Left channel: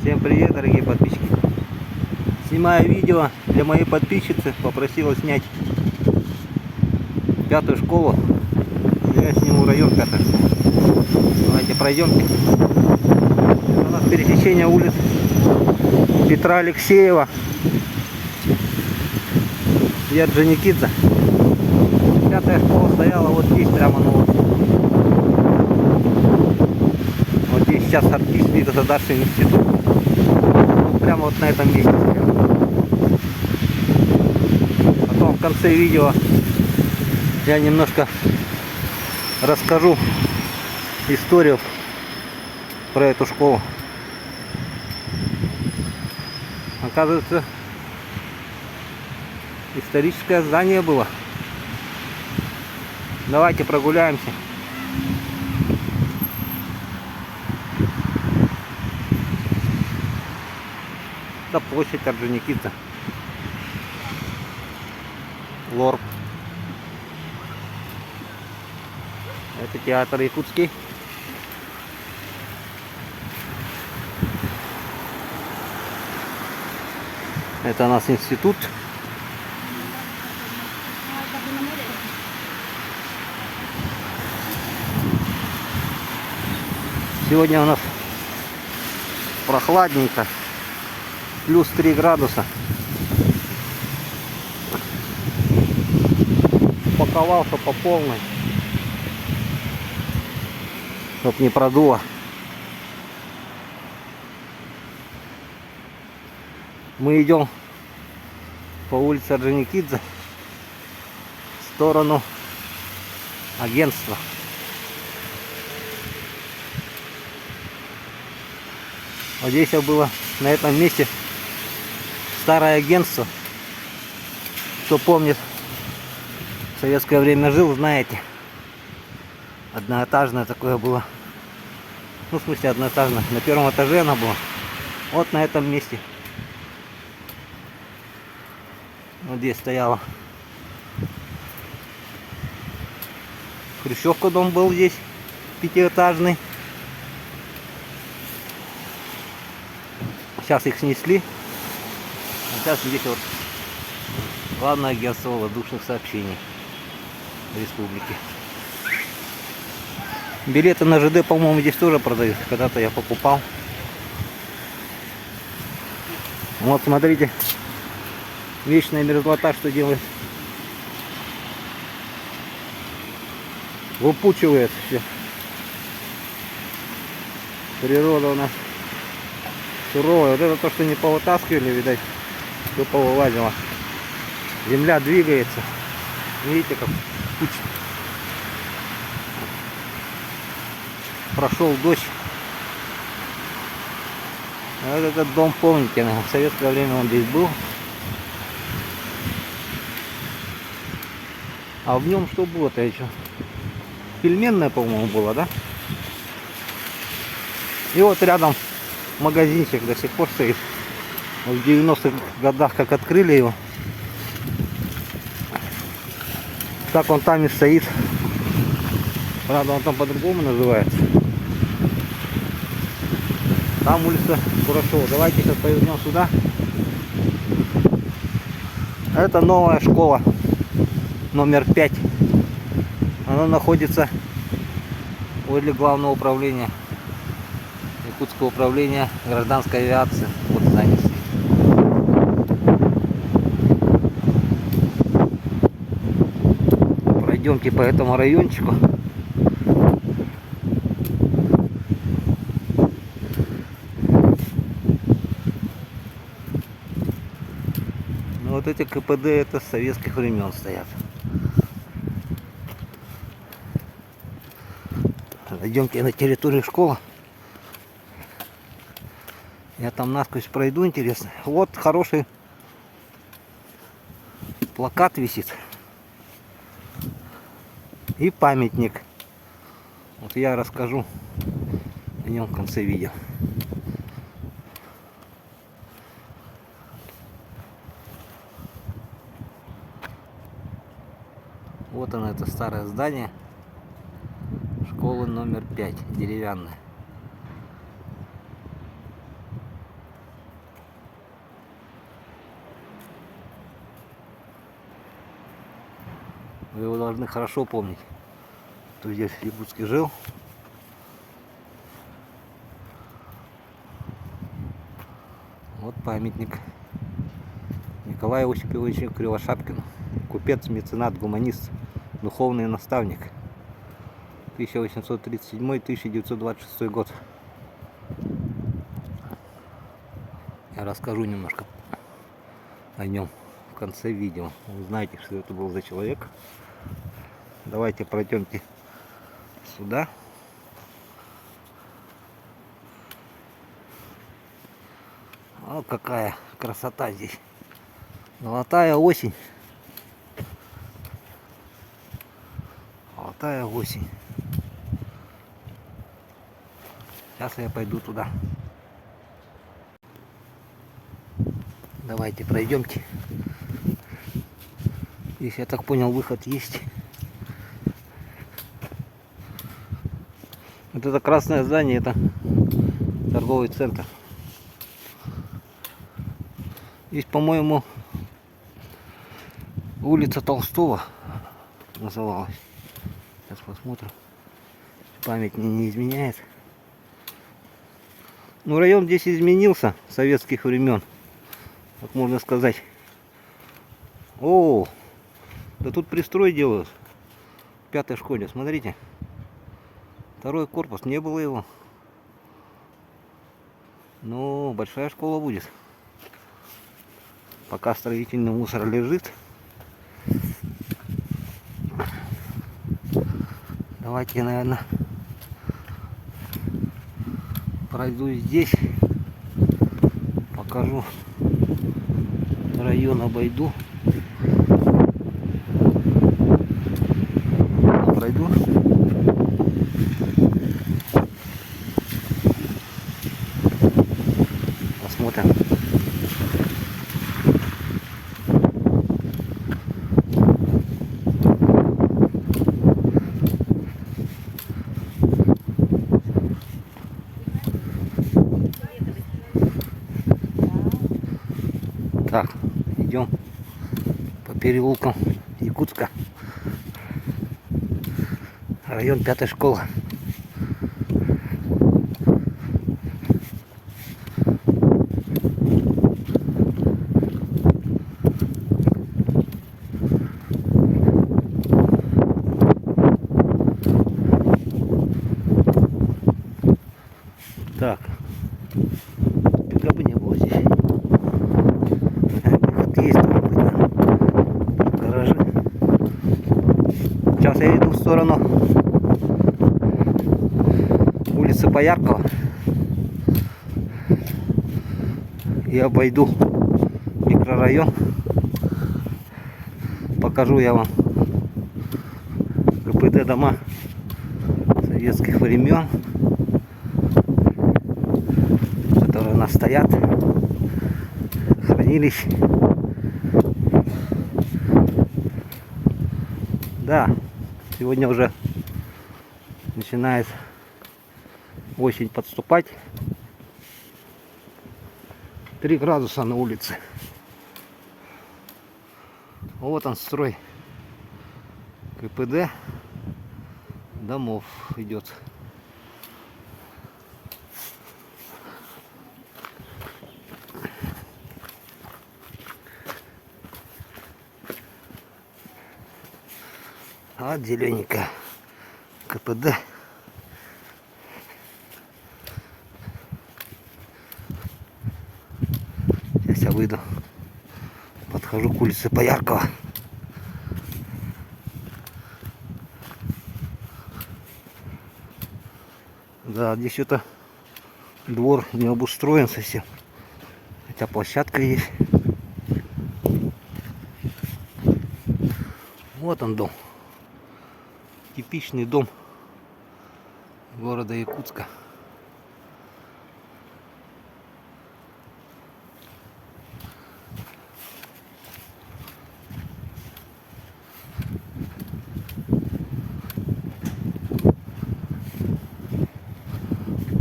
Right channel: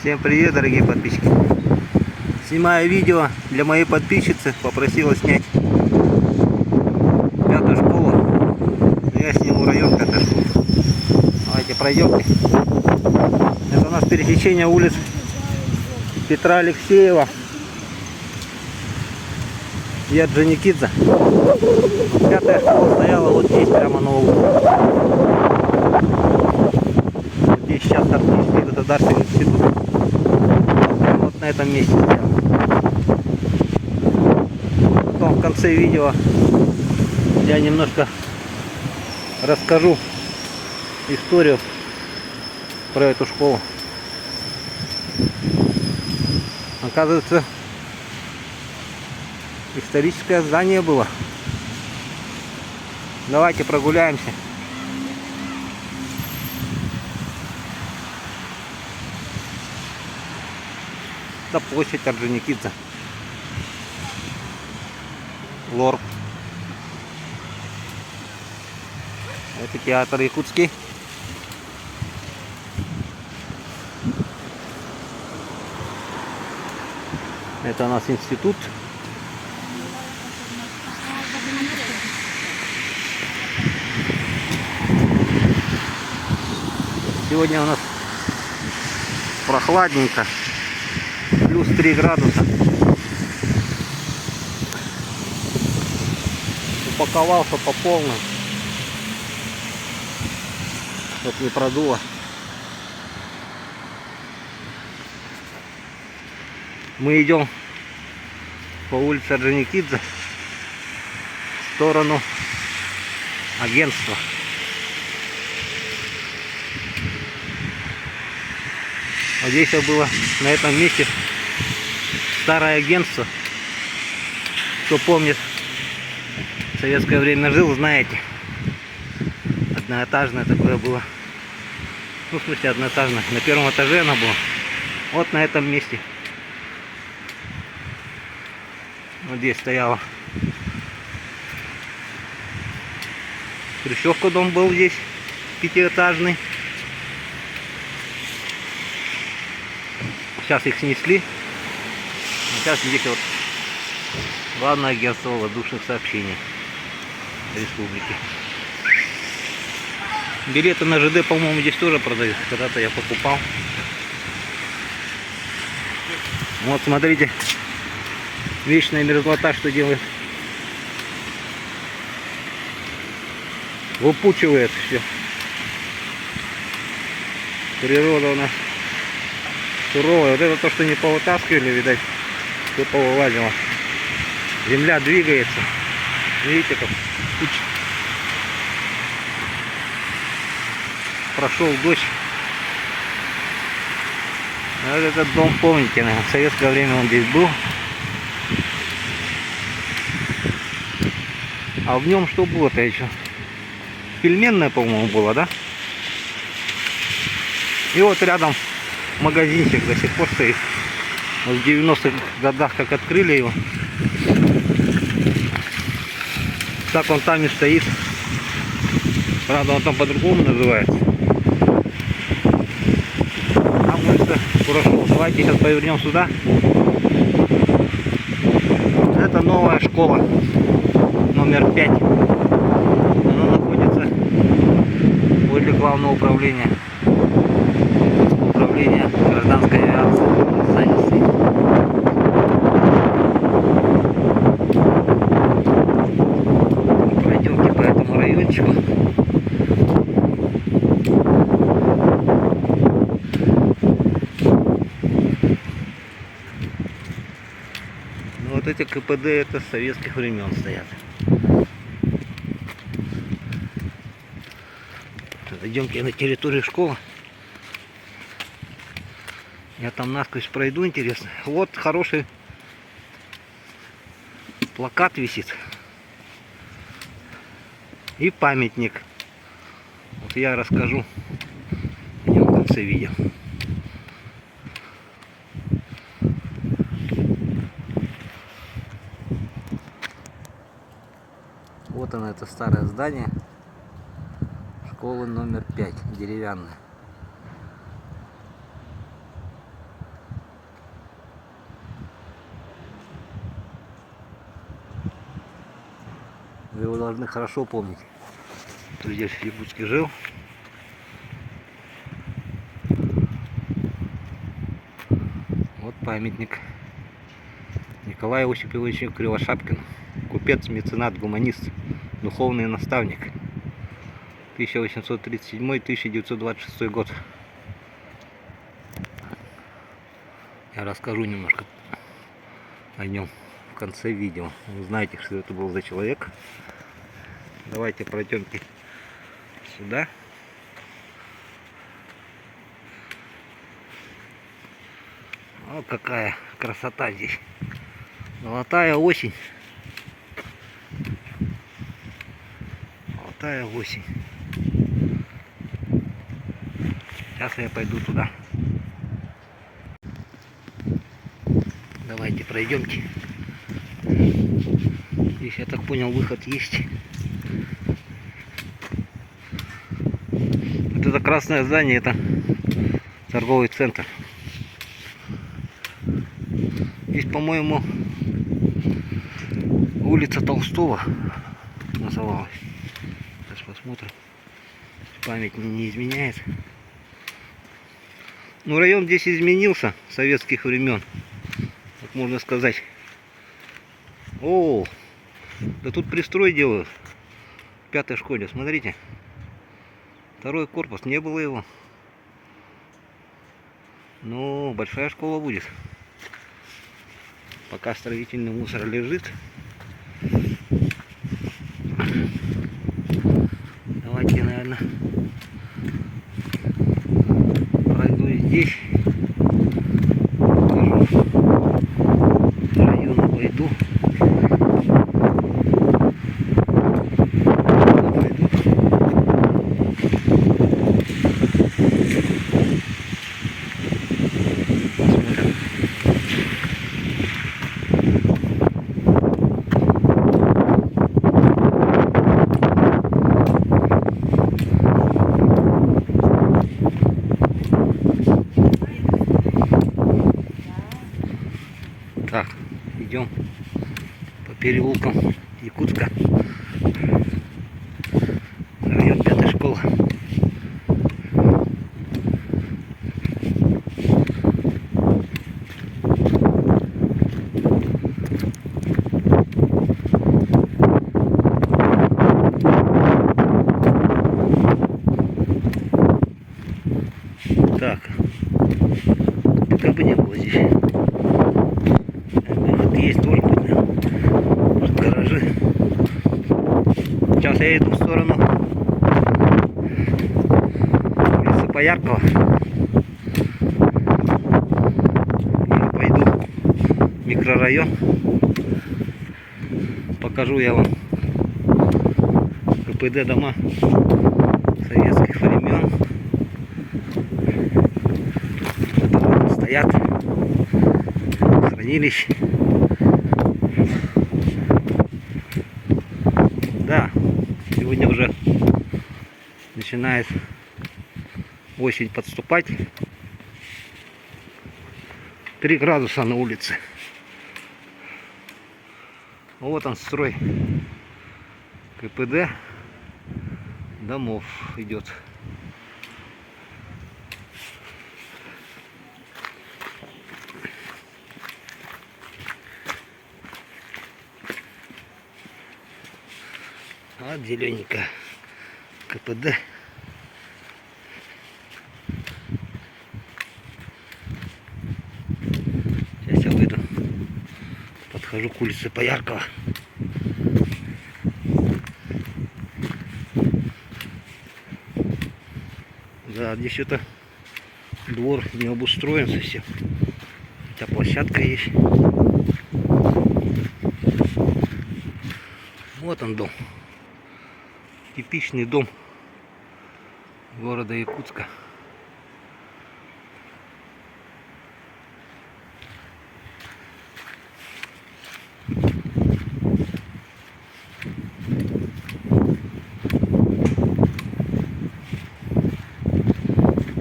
Всем привет, дорогие подписчики. Снимаю видео для моей подписчицы, попросила снять 5-ю школу. Я сниму район 5-й школы. Давайте пройдемте. Это у нас пересечение улиц Петра Алексеева и Орджоникидзе. 5-я школа стояла вот здесь, прямо на углу. Вот здесь сейчас Арктический государственный институт. Прямо вот на этом месте стоял. Потом в конце видео я немножко расскажу историю про эту школу. Оказывается, историческое здание было. Давайте прогуляемся. Это площадь Орджоникидзе. Лорд. Это театр якутский. Это у нас институт. Сегодня у нас прохладненько. Плюс 3 градуса. Упаковался по полной. Вот не продуло. Мы идем по улице Орджоникидзе в сторону агентства. Вот здесь было на этом месте старое агентство. Кто помнит, в советское время жил, знаете. Одноэтажное такое было. Ну, в смысле, одноэтажное. На первом этаже оно было. Вот на этом месте. Вот здесь стояла хрущевка, дом был здесь, 5-этажный. Сейчас их снесли. А сейчас здесь вот главное агентство воздушных сообщений республики. Билеты на ЖД, по-моему, здесь тоже продают. Когда-то я покупал. Вот смотрите, вечная мерзлота что делает. Выпучивает все. Природа у нас суровая. Вот это то, что не повытаскивали, видать, все повылазило. Земля двигается. Видите, как куча. Прошел дождь. Вот этот дом, помните, наверное, в советское время он здесь был. А в нем что было-то еще? Пельменная, по-моему, была, да? И вот рядом магазинчик до сих пор стоит. Вот в 90-х годах как открыли его, так он там и стоит. Правда, он там по-другому называется. Там улица Курашова. Давайте сейчас повернем сюда. Это новая школа номер 5. Она находится возле главного управления. Якутского управления гражданской авиации. Вот здание стоит. Пройдемте по этому райончику. Ну вот эти КПД это с советских времен стоят. Идемте на территорию школы. Я там насквозь пройду, интересно. Вот хороший плакат висит. И памятник. Вот я расскажу о нем в конце видео. Вот оно, это старое здание. Школа номер 5, деревянная. Вы его должны хорошо помнить. Кто здесь в Якутске жил. Вот памятник Николаю Осиповичу Кривошапкину. Купец, меценат, гуманист, духовный наставник. 1837-1926 год. Я расскажу немножко о нем в конце видео. Вы знаете, что это был за человек. Давайте пройдемте сюда. О, какая красота здесь. Золотая осень. Золотая осень. Сейчас я пойду туда. Давайте пройдемте. Здесь, я так понял, выход есть. Вот это красное здание, это торговый центр. Здесь, по-моему, улица Толстого называлась. Сейчас посмотрим. Память не изменяет. Ну, район здесь изменился с советских времен. Вот можно сказать. О, да тут пристрой делают. В 5-й школе, смотрите. 2-й корпус, не было его. Ну, большая школа будет. Пока строительный мусор лежит. Давайте, наверное, пройду здесь. Покажу. Район обойду. Пойду. Посмотрим. Так, идем по переулкам Якутска. Район 5-й школы. Так, ПКБ не было здесь. Есть тоже гаражи. Сейчас я иду в сторону улицы Пояркова. Я пойду в микрорайон. Покажу я вам КПД дома советских времен, которые у нас стоят. Хранилище. Да, сегодня уже начинает осень подступать. 3 градуса на улице. Вот он, строй КПД домов идет. Вот зелененькая КПД. Сейчас я выйду. Подхожу к улице Пояркова. Да, здесь что-то двор не обустроен совсем. Хотя площадка есть. Вот он дом. Типичный дом города Якутска.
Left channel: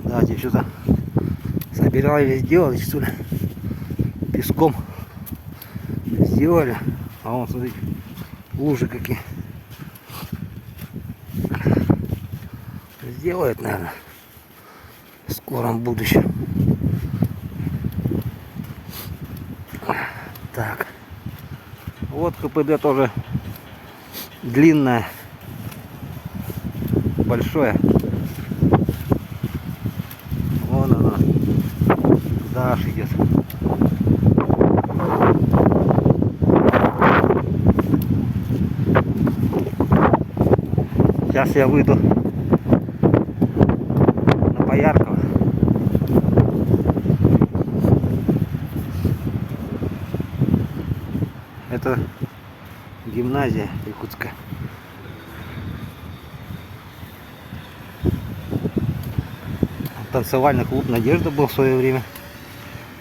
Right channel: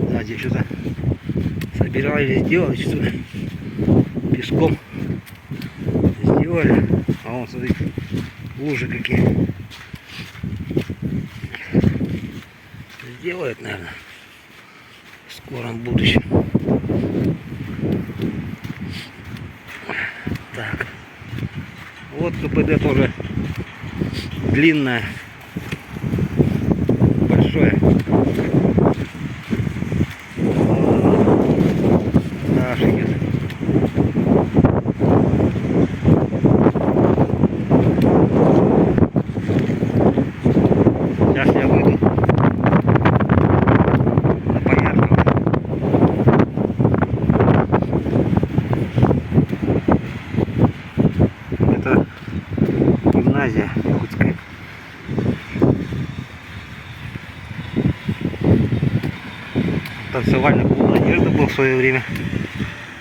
Да, здесь что-то собирались сделать, что ли, песком сделали. А вон, смотрите, лужи какие. сделают, наверное, в скором будущем. Так. Вот КПД тоже длинное, большое. Вот оно. Да, шикет. Сейчас я выйду на Поярково. Это гимназия якутская. Танцевальный клуб «Надежда» был в свое время.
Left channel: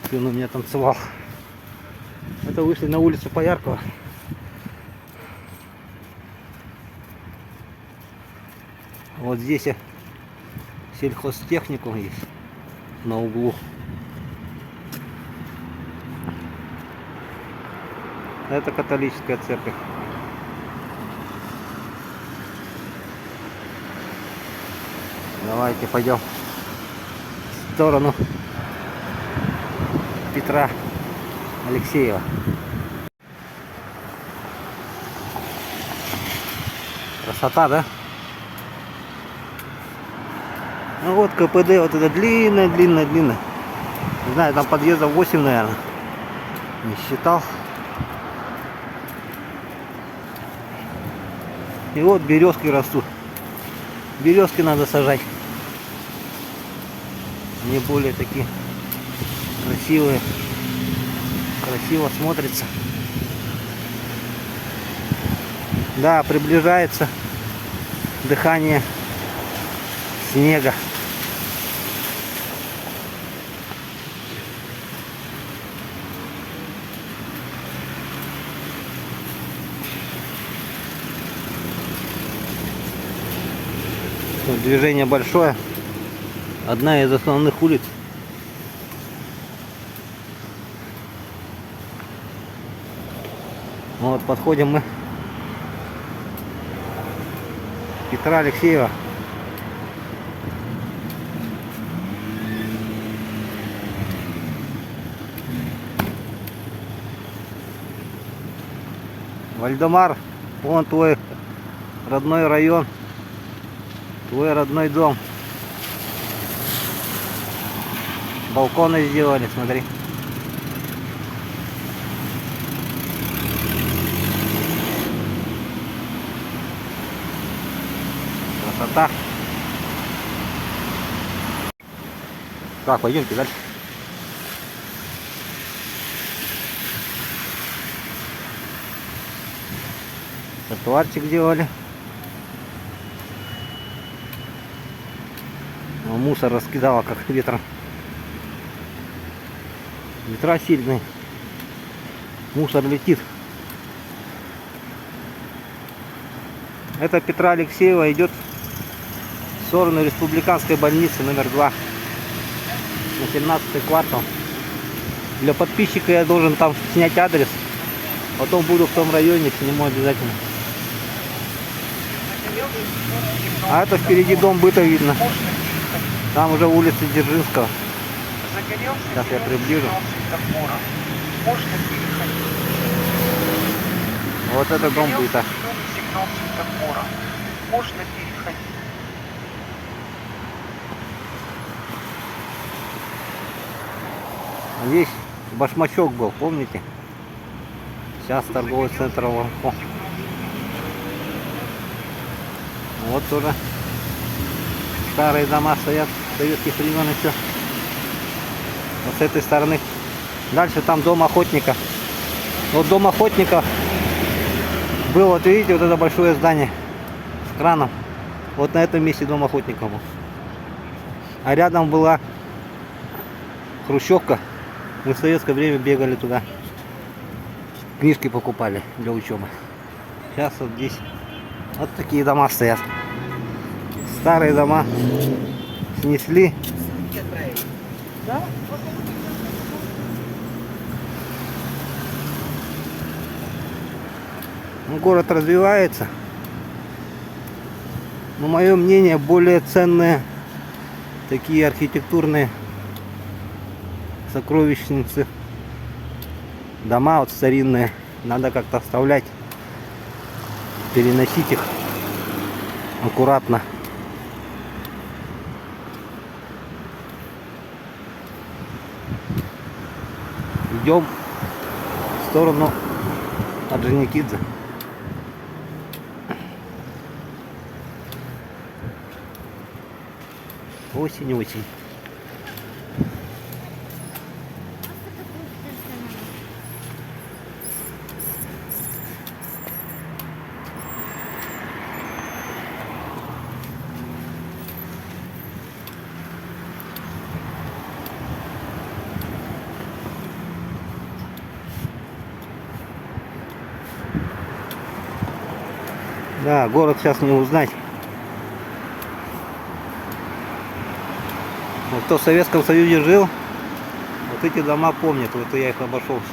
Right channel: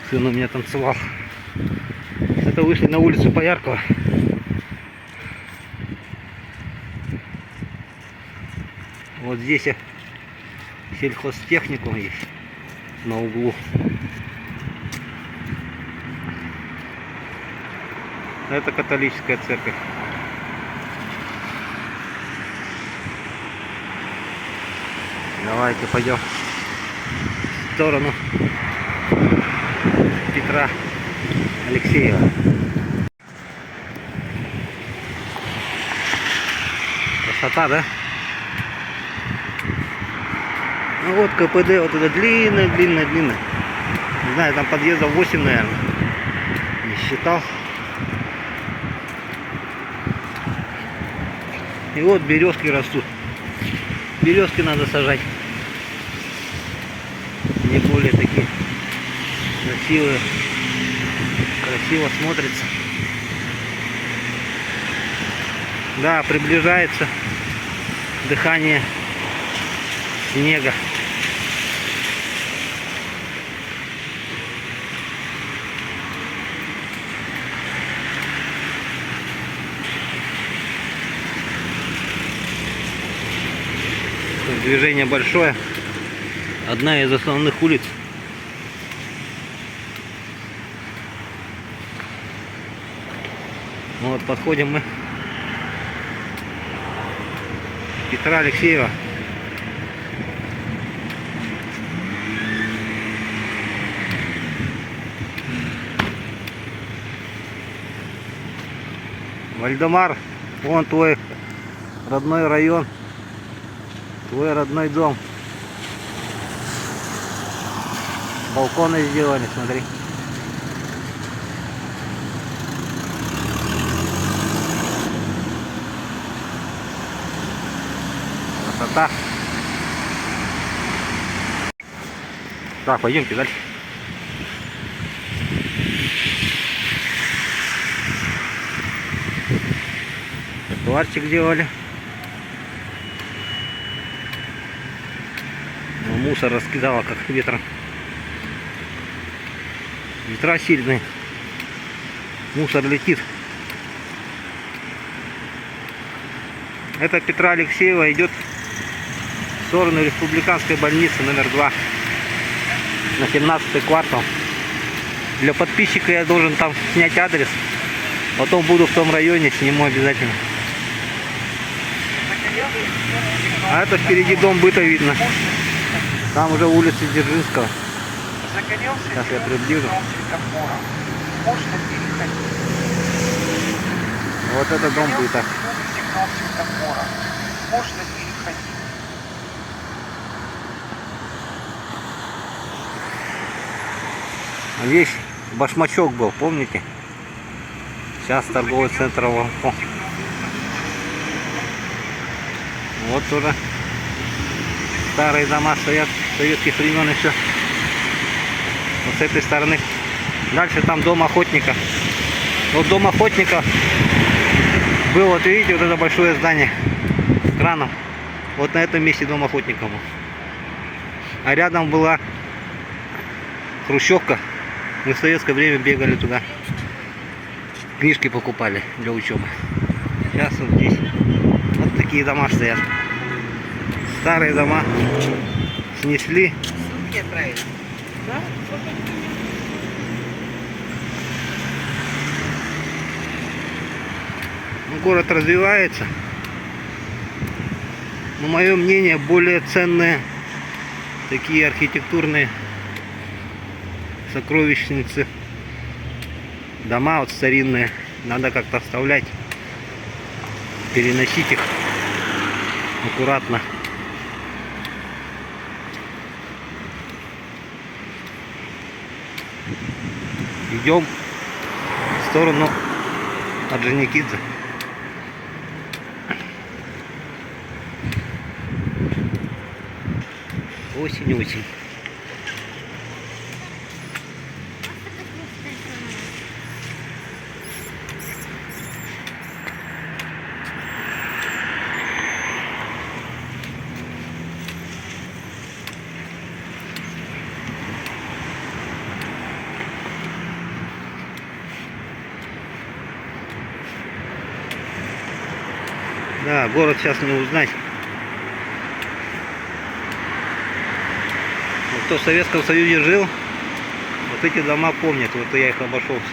Сын у меня танцевал. Это вышли на улицу Пояркова. Вот здесь сельхозтехникум есть на углу. Это католическая церковь. Давайте пойдем в сторону Петра Алексеева. Красота, да? Ну вот КПД, вот это длинно. Не знаю, там подъездов 8, наверное. Не считал. И вот березки растут. Березки надо сажать. Не более такие красивые. Красиво смотрится. Да, приближается дыхание снега. Движение большое. Одна из основных улиц. Вот подходим мы к Петра Алексеева. Вальдемар, вон твой родной район. Твой родной дом. Балконы сделали, смотри. Красота. Так, пойдемте дальше. Тротуарчик делали. Мусор раскидало как ветром. Ветра сильные. Мусор летит. Это Петра Алексеева идет в сторону республиканской больницы номер 2 на 17-й квартал. Для подписчика я должен там снять адрес. Потом буду в том районе, сниму обязательно. А это впереди дом быта видно. Там уже улица Дзержинского. Сейчас я приближу. Вот это дом быта. А здесь башмачок был, помните? Сейчас торговый центр Ванко. Вот тоже старые дома стоят советских времен еще. Вот с этой стороны. Дальше там дом охотника. Вот дом охотника был, вот видите, вот это большое здание с краном. Вот на этом месте дом охотника был. А рядом была хрущевка. Мы в советское время бегали туда. Книжки покупали для учебы. Сейчас вот здесь вот такие дома стоят. Старые дома снесли. Ну, город развивается. Но мое мнение, более ценные такие архитектурные сокровищницы, дома вот старинные, надо как-то оставлять, переносить их аккуратно. Идем в сторону Орджоникидзе. Осень. Да, город сейчас не узнать. Вот кто в Советском Союзе жил, вот эти дома помнят. Вот я их обошелся.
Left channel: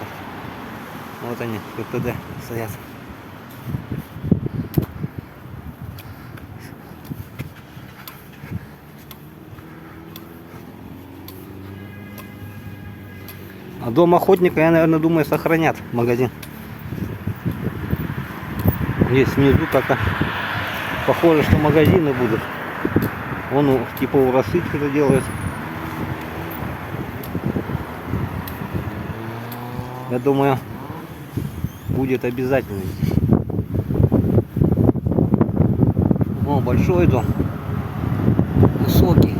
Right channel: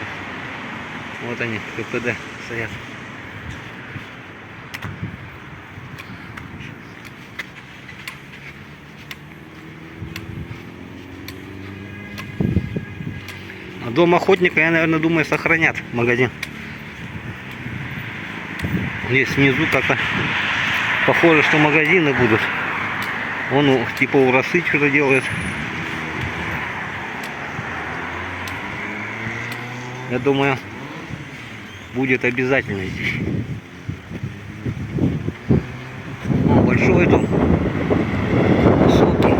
Вот они, КПД стоят. А дом охотника, я, наверное, думаю, сохранят магазин. Здесь внизу как-то похоже, что магазины будут. Он типа у росы что-то делает. Я думаю, будет обязательно здесь. О, большой дом. Высокий.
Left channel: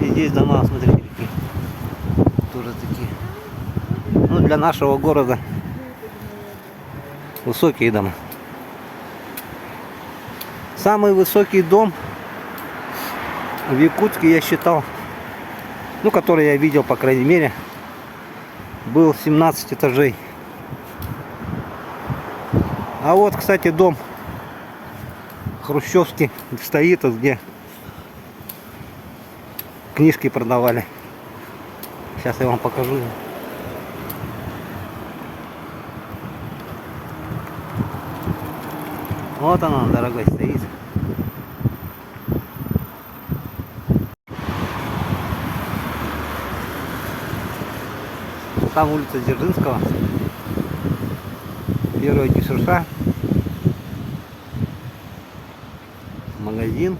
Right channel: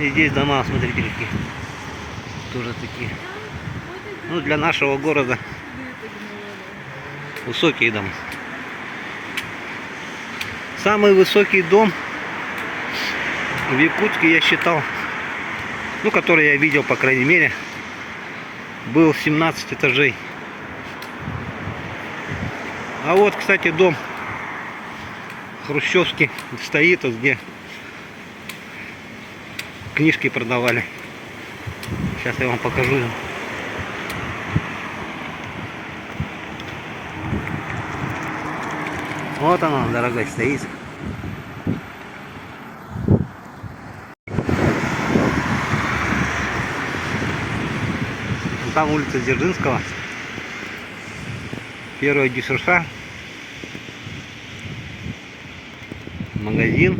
И здесь дома, смотрите, какие. Тоже такие. Ну, для нашего города высокие дома. Самый высокий дом в Якутске, я считал, ну, который я видел, по крайней мере, был 17 этажей. А вот, кстати, дом хрущевский стоит, вот где книжки продавали. Сейчас я вам покажу. Вот оно, дорогой, стоит. Там улица Дзержинского, первая ГИШШ, магазин,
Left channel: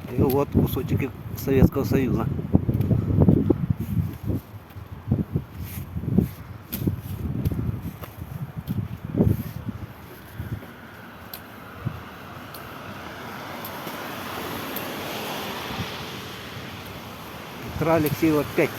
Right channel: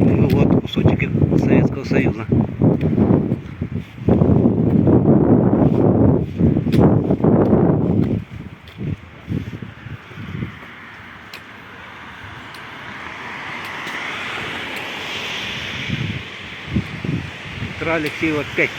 и вот кусочек Советского Союза. Петра Алексеева 5.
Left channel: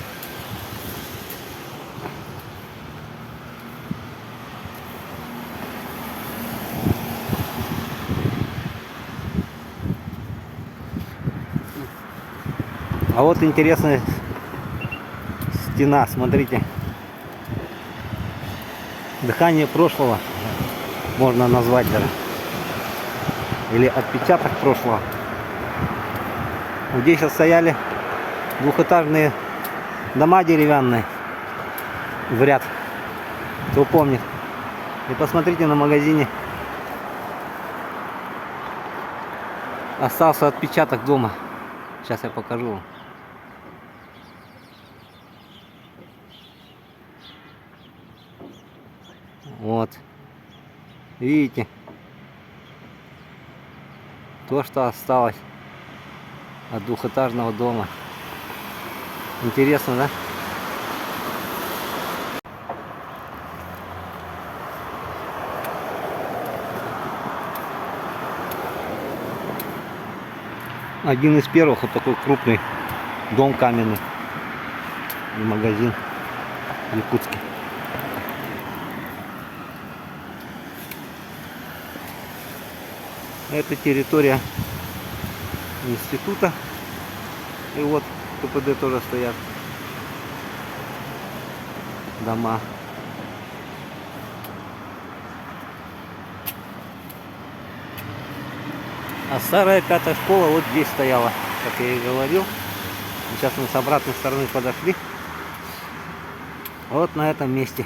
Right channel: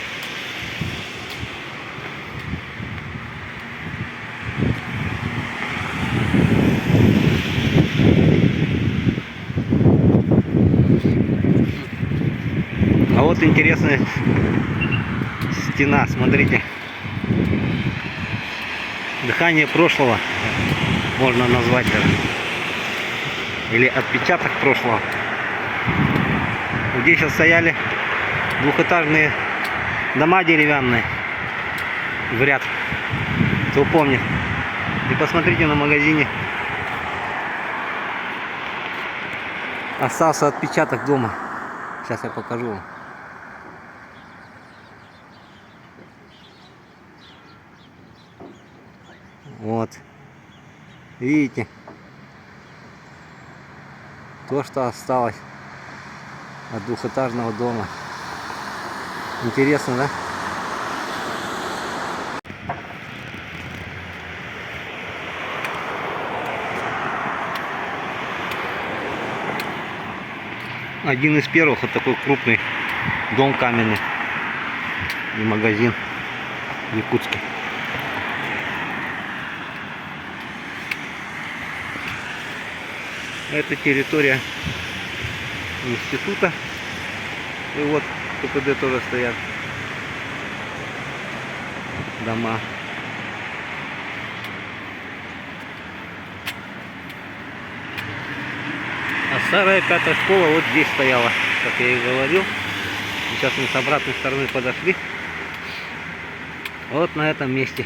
А вот интересная стена, смотрите. Дыхание прошлого можно назвать даже. Или отпечаток прошлого. Вот здесь сейчас стояли двухэтажные дома деревянные в ряд. Кто помнит. И посмотрите, на магазине остался отпечаток дома. Сейчас я покажу вам. Вот. Видите? То, что осталось от двухэтажного дома. Интересно, да? Один из первых, вот такой крупный дом каменный и магазин в Якутске. Это территория института. И вот КПД тоже стоят дома. А старая пятая школа вот здесь стояла, как я и говорил. Сейчас мы с обратной стороны подошли. Вот на этом месте.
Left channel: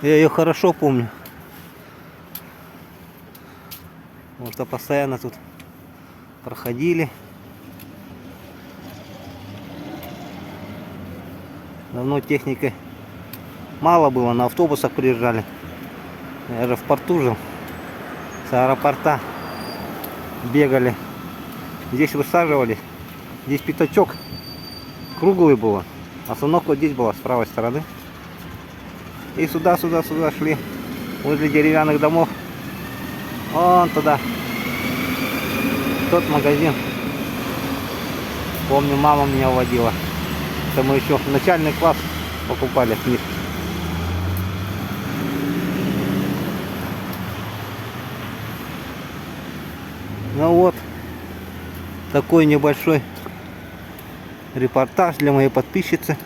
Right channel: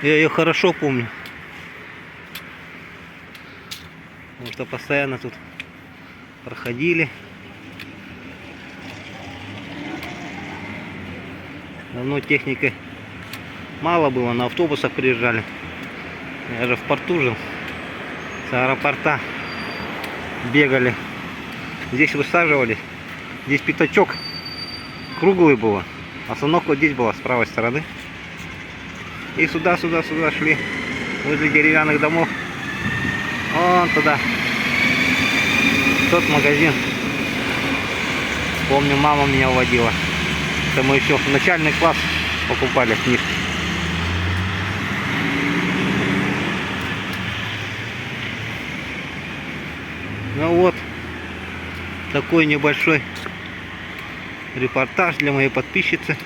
Я ее хорошо помню. Вот что постоянно тут проходили. Давно техники мало было, на автобусах приезжали. Я же в порту жил. С аэропорта бегали. Здесь высаживались. Здесь пятачок круглый был. Остановка вот здесь была, с правой стороны. И сюда шли. Возле деревянных домов. Вон туда. Тот магазин. Помню, мама меня уводила. Это мы еще в начальный класс покупали книжки. Ну вот, такой небольшой репортаж для моей подписчицы.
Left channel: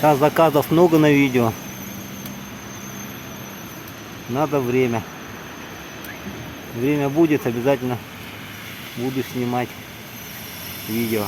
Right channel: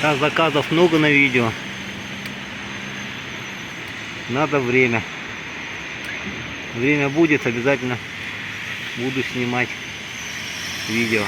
Да, заказов много на видео. Надо время. Время будет, обязательно буду снимать видео.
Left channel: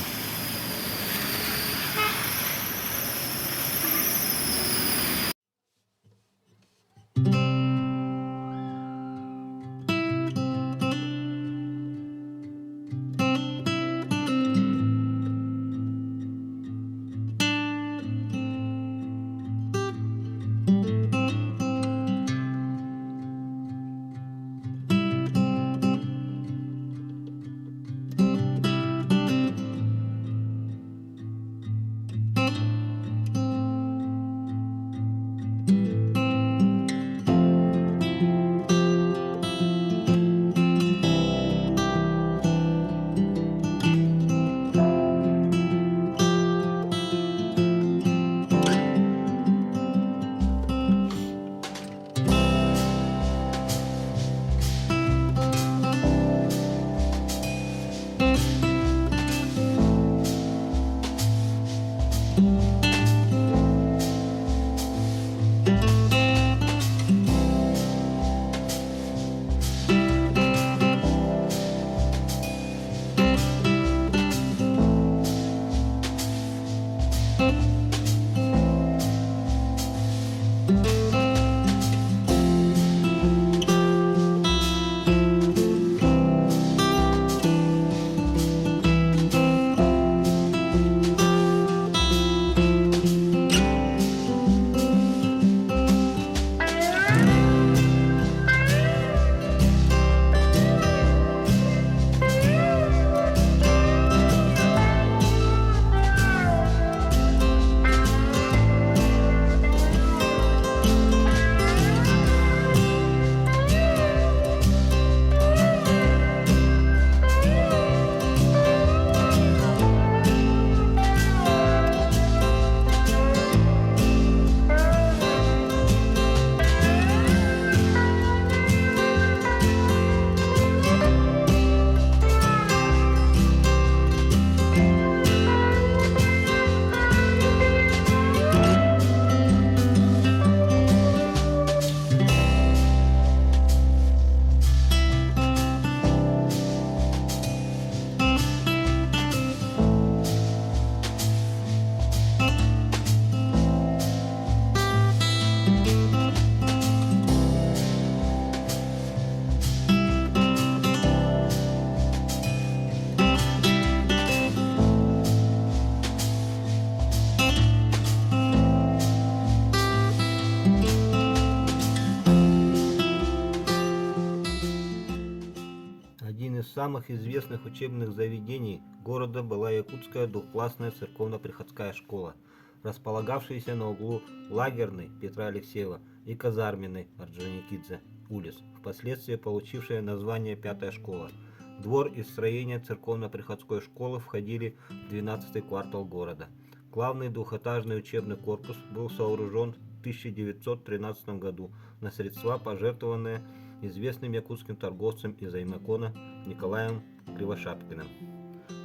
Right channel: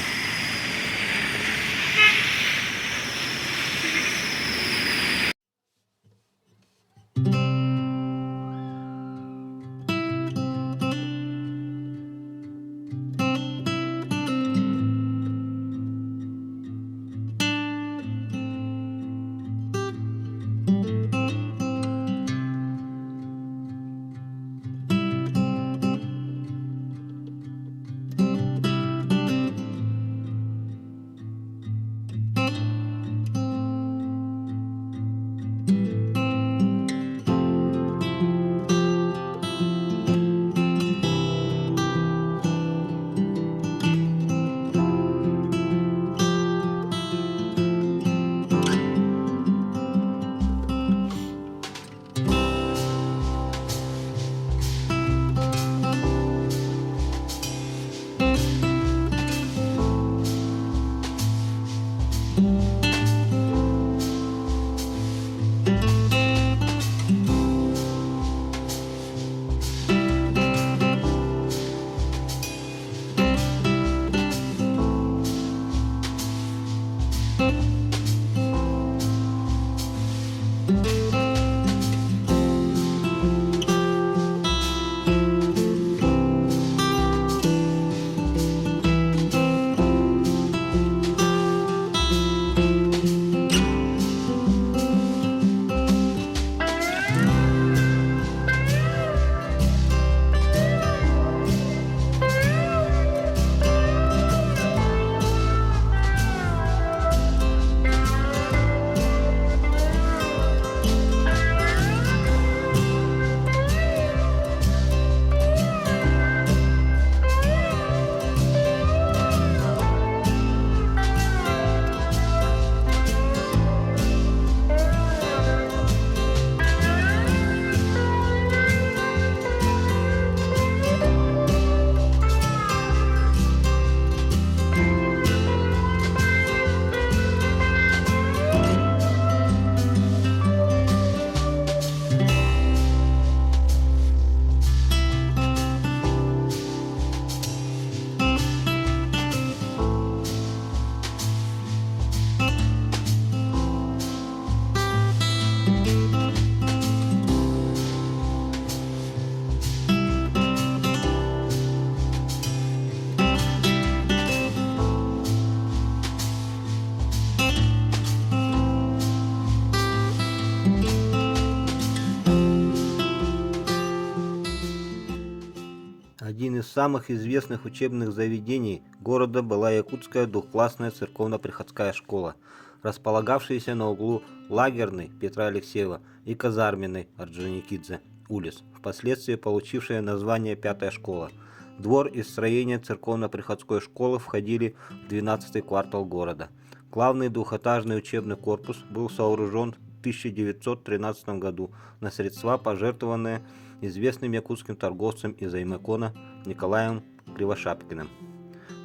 Один из самых известных учебных заведений города была Якутская двухклассная церковно-приходская школа, располагавшаяся на углу Лагерной Петра Алексеева и Казарменной Орджоникидзе улиц, впоследствии получившая название Пятая школа. Двор и строение церковно-приходской школы входили в 12-й квартал города. Главный двухэтажный учебный корпус был сооружен в 1913 году на средства, пожертвованные известным якутским торговцем из Аймекона Николаем Кривошапкиным.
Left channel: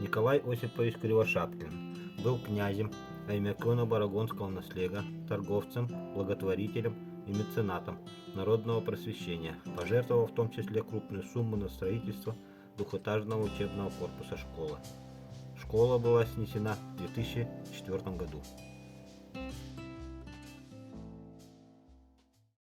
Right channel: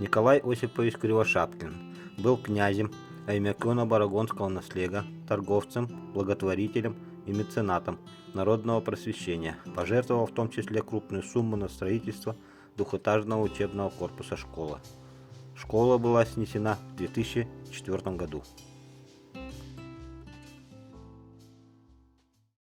Николай Осипович Кривошапкин был князем Аймекона Барагонского наследия, торговцем, благотворителем и меценатом народного просвещения, пожертвовал в том числе крупную сумму на строительство двухэтажного учебного корпуса школы. Школа была снесена в 2004 году.